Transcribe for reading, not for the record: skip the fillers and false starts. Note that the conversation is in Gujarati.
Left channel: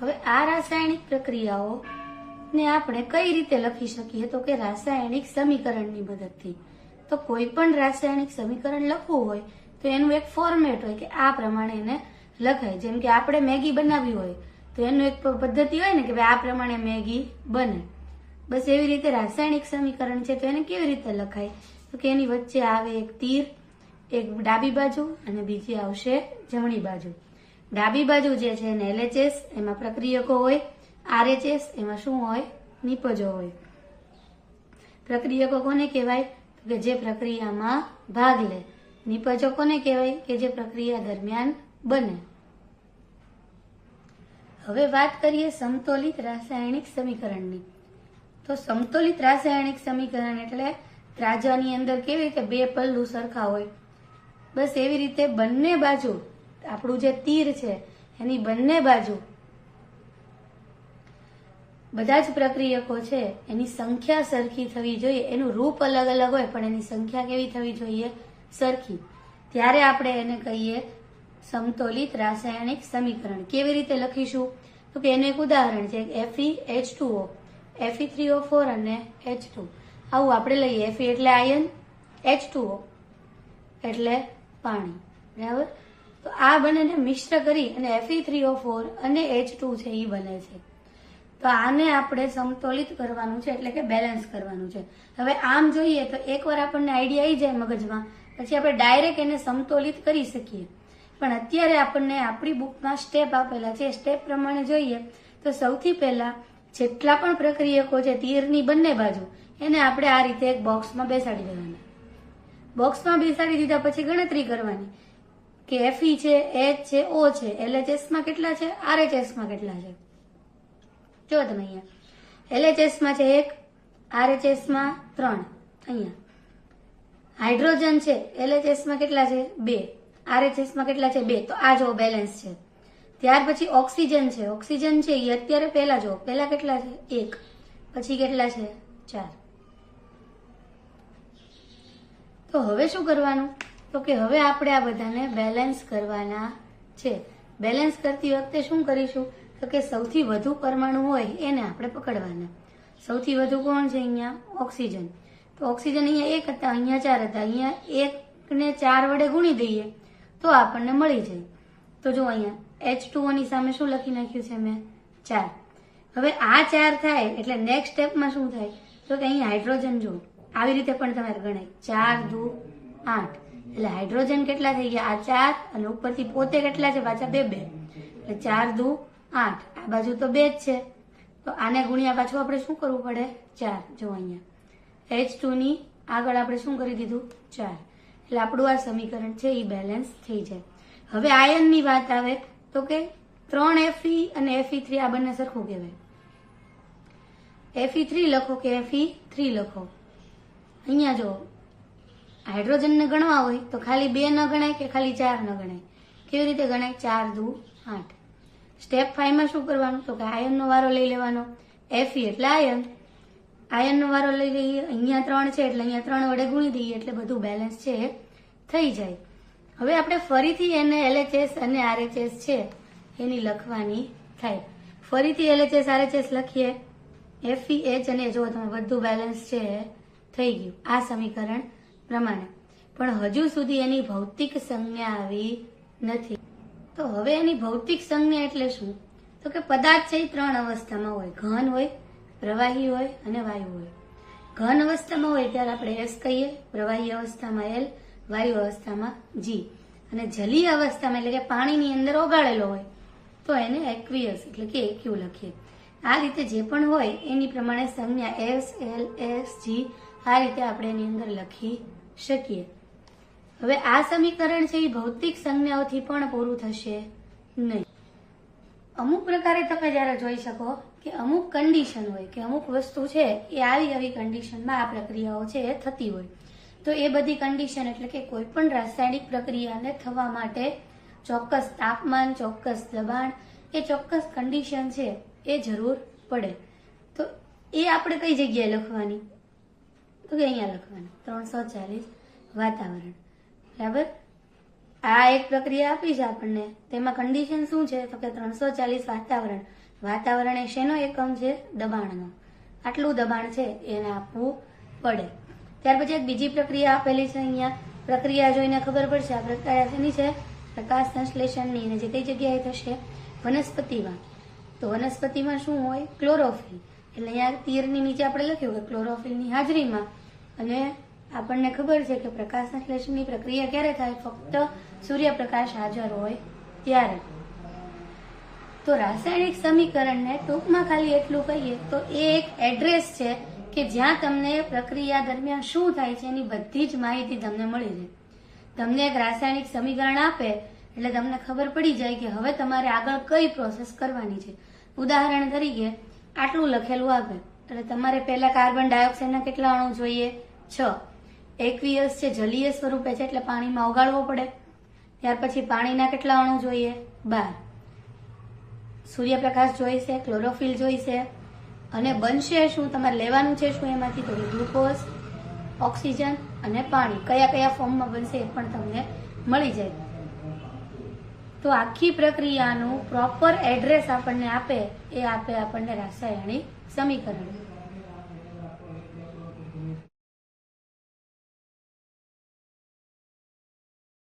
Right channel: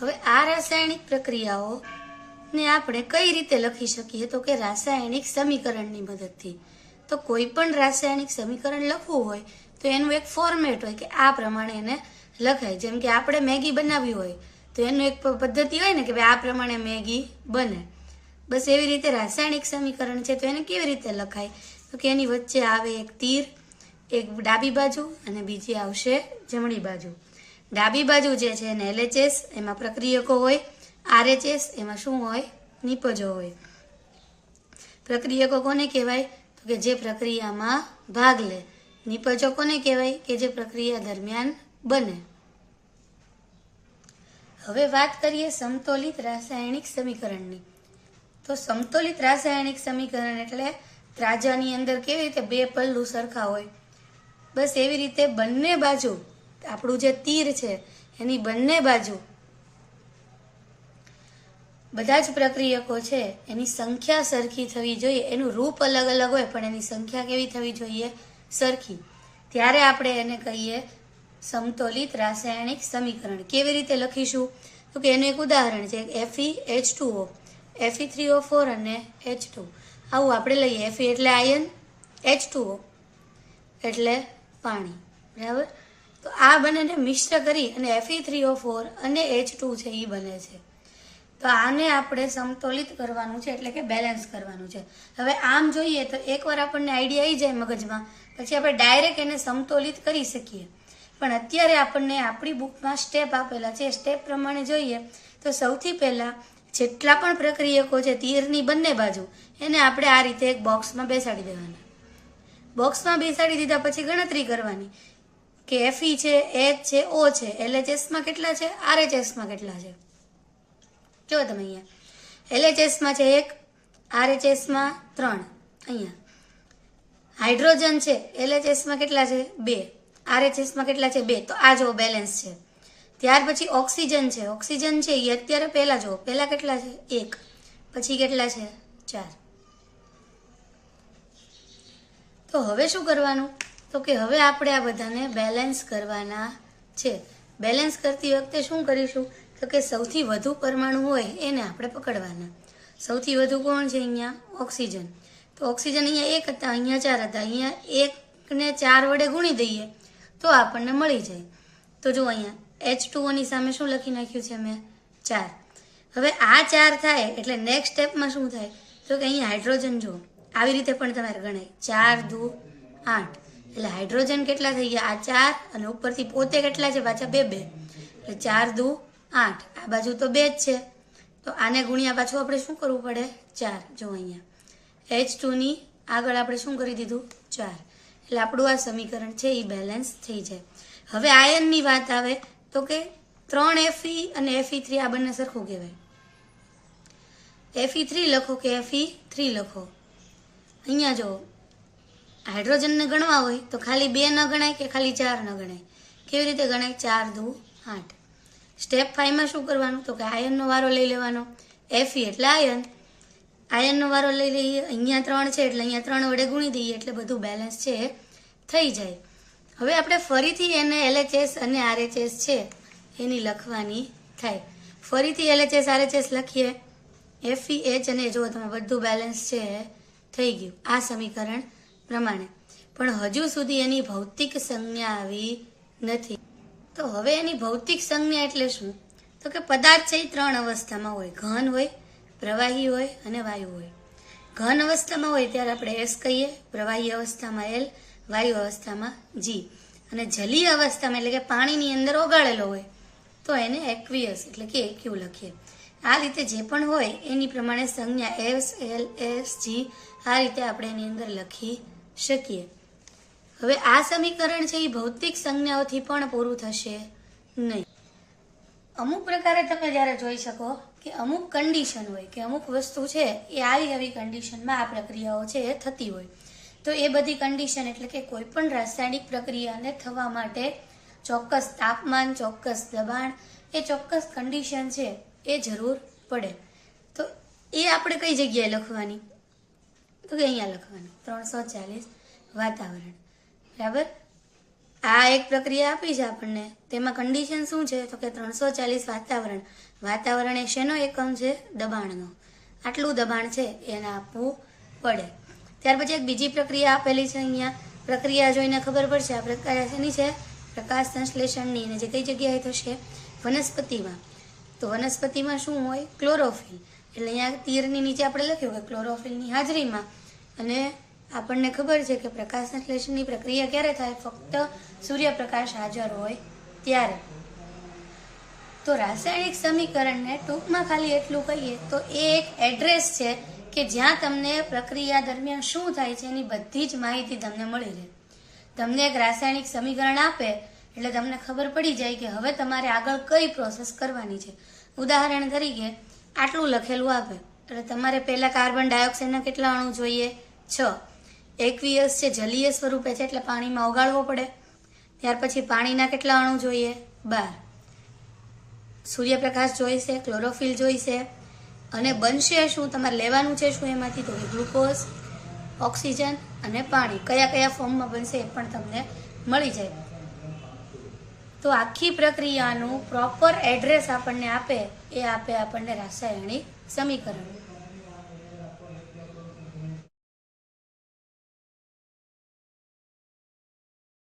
હવે આ રાસાયણિક પ્રક્રિયાઓને આપણે કઈ રીતે લખી શકીએ? તો કે રાસાયણિક સમીકરણની મદદથી. તો કોઈ પણ રાસાયણિક સમીકરણ લખવું હોય તો એનું એક ફોર્મેટ હોય કે આ પ્રમાણે એને લખાય. જેમ કે આપણે મેગી બનાવવી હોય તો એનું એક પદ્ધતિ હોય ને કે ભાઈ આ પ્રમાણે મેગી બને. બસ એવી રીતે રાસાયણિક સમીકરણ છે તો એને કેવી રીતે લખાય? તો કે એની વચ્ચે આવે એક તીર, એક ડાબી બાજુ અને બીજી આવશે જમણી બાજુ. ડાબી બાજુ જે છે એને LHS, એમાં પ્રક્રિયકો હોય. RH એમાં શું હોય? નિપજો હોય. પ્રક્રિયકો કોને કહેવાય? તો કે જે પ્રક્રિયામાં ભાગ લે. નિપજો કોને કહેવાય? કે જે પ્રક્રિયા દરમિયાન બને. હવે વાત કરીએ સમતોલિત રાસાયણિક સમીકરણની. તો સમતોલિત રાસાયણિક સમીકરણ એટલે ત્રાજાની અંદર કેવી રીતે બે પલ્લુ સરખા હોય, બસ એવી રીતે બંને બાજુ આપણું જે તીર છે એની બંને બાજુ બધા જ પ્રક્રિયકો છે એની સંખ્યા સરખી થવી જોઈએ. એનું રૂપ અલગ અલગ હોય પણ એની સંખ્યા કેવી થવી જોઈએ? સરખી. ત્યારે આપણે એને કહીએ સમતોલિત રાસાયણિક સમીકરણ. કેવી રીતે લખીશું? તો કે એનું એક ઉદાહરણ છે FeH2O, Fe3O4 અને H2. આવું આપણે લઈએ. Fe એટલે આયન, H2O એટલે પાણી. બરાબર? તો આ બંનેને મિશ્ર કરી અને Fe3O4 અને H2 છે એ બને છે. તો આને આપણે સમતોલિત કરવાનું છે એટલે કે બેલેન્સ કરવાનું છે. હવે આમ જોઈએ તો એકવાર આપણને આઈડિયા આવી જાય મગજમાં પછી આપણે ડાયરેક્ટ એને સમતોલિત કરી શકીએ. પણ અત્યારે આપણને આપણી બુકમાં સ્ટેપ આપેલા છે. સ્ટેપ પ્રમાણે જોઈએ તો સૌથી પહેલા જેટલા પણ પ્રક્રિયકો છે તીરની બંને બાજુ એને આપણે આ રીતે એક બોક્સમાં બેસાડી દેવાના. બોક્સમાં બેસાડી દીધા પછી ગણતરી કરવાની કે Fe છે, H છે, O છે, LHS માં કેટલા છે, RHS માં કેટલા છે. જો તમે અહીંયા LHS માં છે 1, RHS માં 3. અહીંયા હાઇડ્રોજન છે LHS માં કેટલા છે? 2, RHS માં કેટલા છે? 2. તો આ જો બેલેન્સ છે. ત્યાર પછી ઓક્સિજન છે. ઓક્સિજન છે એ અત્યારે પહેલા જો પહેલા કેટલા છે? 1, પછી કેટલા છે? 4. તો હવે શું કરવાનું? તો કે હવે આપણે આ બધાને બેલેન્સ કરવાના છે. બેલેન્સ કરતી વખતે શું કરીશું? તો કે સૌથી વધુ પરમાણુ હોય એને આપણે પકડવાના. સૌથી વધુ કોણ છે? અહીંયા ઓક્સિજન. તો ઓક્સિજન અહીંયા 1 હતા, અહીંયા 4 હતા. અહીંયા 1 ને 4 વડે ગુણી દઈએ તો આપણને મળી જાય. તો જો અહીંયા H2O ની સામે શું લખી નાખ્યું છે મેં? 4. હવે આ 4 થાય એટલે નેક્સ્ટ સ્ટેપમાં શું થાય? તો કે અહીંયા હાઇડ્રોજન જો આવી રીતે પણ તમારે ગણાય. 4 દુ 8 એટલે હાઇડ્રોજન કેટલા થઈ ગયા? આ 4 અને ઉપરથી પોતે કેટલા છે? પાછા 2 2 એટલે 4 દુ 8. આ બાજુ તો 2 જ છે તો આને ગુણ્યા પાછું આપણે શું કરવું પડે? 4. જો અહીંયા H2 ની આગળ આપણે શું કરી દીધું? 4. એટલે આપણું આ સમીકરણ છે એ બેલેન્સ થઈ જાય. હવે આયનની વાત આવે તો કે 3 Fe અને Fe3 આ બંને સરખું કહેવાય. Fe3 લખો કે Fe3 લખો. અહીંયા જો હાઇડ્રોજનને ગણવા હોય તો ખાલી 2 ન ગણાય કે ખાલી 4 ન ગણાય? કેવી રીતે ગણાય? 4 દુ 8. સ્ટેપ 5 માં શું કરવાનું? તો કે આયનનો વારો લઈ લેવાનો. Fe એટલે આયન, આયનનો વારો લઈ લઈએ. અહીંયા 3 છે એટલે અહીંયા 3 વડે ગુણી દઈએ એટલે બધું બેલેન્સ છે થઈ જાય. હવે આપણે ફરીથી એને LHS અને RHS છે એની લખવાની થાય. ફરીથી LHS RHS લખીએ. Fe H અને જો તમે બધું બેલેન્સ છે થઈ ગયું આ સમીકરણ પ્રમાણે. પણ હજુ સુધી એની ભૌતિક સંજ્ઞા આવી નથી. તો હવે એની ભૌતિક સંજ્ઞા એટલે શું? તો કે પદાર્થ છે એ 3 અવસ્થામાં હોય. ઘન હોય, પ્રવાહી હોય અને વાયુ હોય. ઘન અવસ્થામાં હોય ત્યારે આપણે S કહીએ, પ્રવાહી અવસ્થામાં L, વાયુ અવસ્થામાં G અને જલીય અવસ્થામાં એટલે કે પાણીની અંદર ઓગાળેલો હોય તો એને એક્વિયસ એટલે કે એક્યુ લખીએ. આ રીતે જે પણ હોય એની પ્રમાણે સંજ્ઞા S, L, S, G આ રીતે આપણે એની અંદર લખી શકીએ. હવે આ સમીકરણ છે એ ભૌતિક સંજ્ઞાઓથી પણ પૂરું થશે નહીં. અમુક પ્રકારે તમે જ્યારે જોઈ શકો કે અમુક કન્ડિશન હોય કે અમુક વસ્તુ છે એ આવી કન્ડિશનમાં આ પ્રક્રિયાઓ છે એ થતી હોય. તો એ બધી કન્ડિશન એટલે કે કોઈ પણ રાસાયણિક પ્રક્રિયાને થવા માટે ચોક્કસ તાપમાન, ચોક્કસ દબાણ, એ ચોક્કસ કન્ડિશન છે એ જરૂર પડે. તો એ આપણે કઈ જગ્યાએ લખવાની? તો કે અહીંયા લખવાની 340 વાતાવરણ. બરાબર? આ એક પ્રક્રિયા આપી છે આપણને, તેમાં કન્ડિશન શું છે? તો કે 340 વાતાવરણ. વાતાવરણ એ શેનો એકમ છે? દબાણનો. આટલું દબાણ છે એને આપવું પડે. ત્યાર પછી એક બીજી પ્રક્રિયા આપેલી છે અહીંયા. પ્રક્રિયા જોઈને ખબર પડશે આ પ્રક્રિયા શેની છે? પ્રકાશ સંશ્લેષણની. અને જે કઈ જગ્યાએ થશે? વનસ્પતિમાં. તો વનસ્પતિમાં શું હોય? ક્લોરોફિલ. એટલે અહીંયા તીરની નીચે આપણે લખ્યું કે ક્લોરોફિલની હાજરીમાં. અને આપણને ખબર છે કે પ્રકાશ સંશ્લેષણની પ્રક્રિયા ક્યારે થાય? ફક્ત સૂર્યપ્રકાશ હાજર હોય ત્યારે. તો રાસાયણિક સમીકરણને ટૂંકમાં ખાલી એટલું કહીએ તો એ એક એડ્રેસ છે કે જ્યાં તમને પ્રક્રિયા દરમિયાન શું થાય છે એની બધી જ માહિતી તમને મળી રહે. તમને એક રાસાયણિક સમીકરણ આપે એટલે તમને ખબર પડી જાય કે હવે તમારે આગળ કઈ પ્રોસેસ કરવાની છે. ઉદાહરણ તરીકે આટલું લખેલું આપે એટલે તમારે પહેલા કાર્બન ડાયોક્સાઇડના કેટલા અણુ જોઈએ? 6. એક્વિયસ છે, જલીય સ્વરૂપે છે એટલે પાણીમાં ઓગાળવો પડે. ત્યાર પછી પાણીના કેટલા અણુ જોઈએ? 12. સૂર્યપ્રકાશ જોઈશે, ક્લોરોફિલ જોઈશે, અને બનશે શું? તમારે લેવાનું છે શું એમાંથી? તો ગ્લુકોઝ, ઓક્સિજન અને પાણી. કયા કયા ફોર્મમાં બનશે એ પણ તમને મળી જાય. તો આખી પ્રક્રિયાનું પ્રોપર એડ્રેસ આપણને આપે એ આપે આપણને રાસાયણિક સમીકરણ.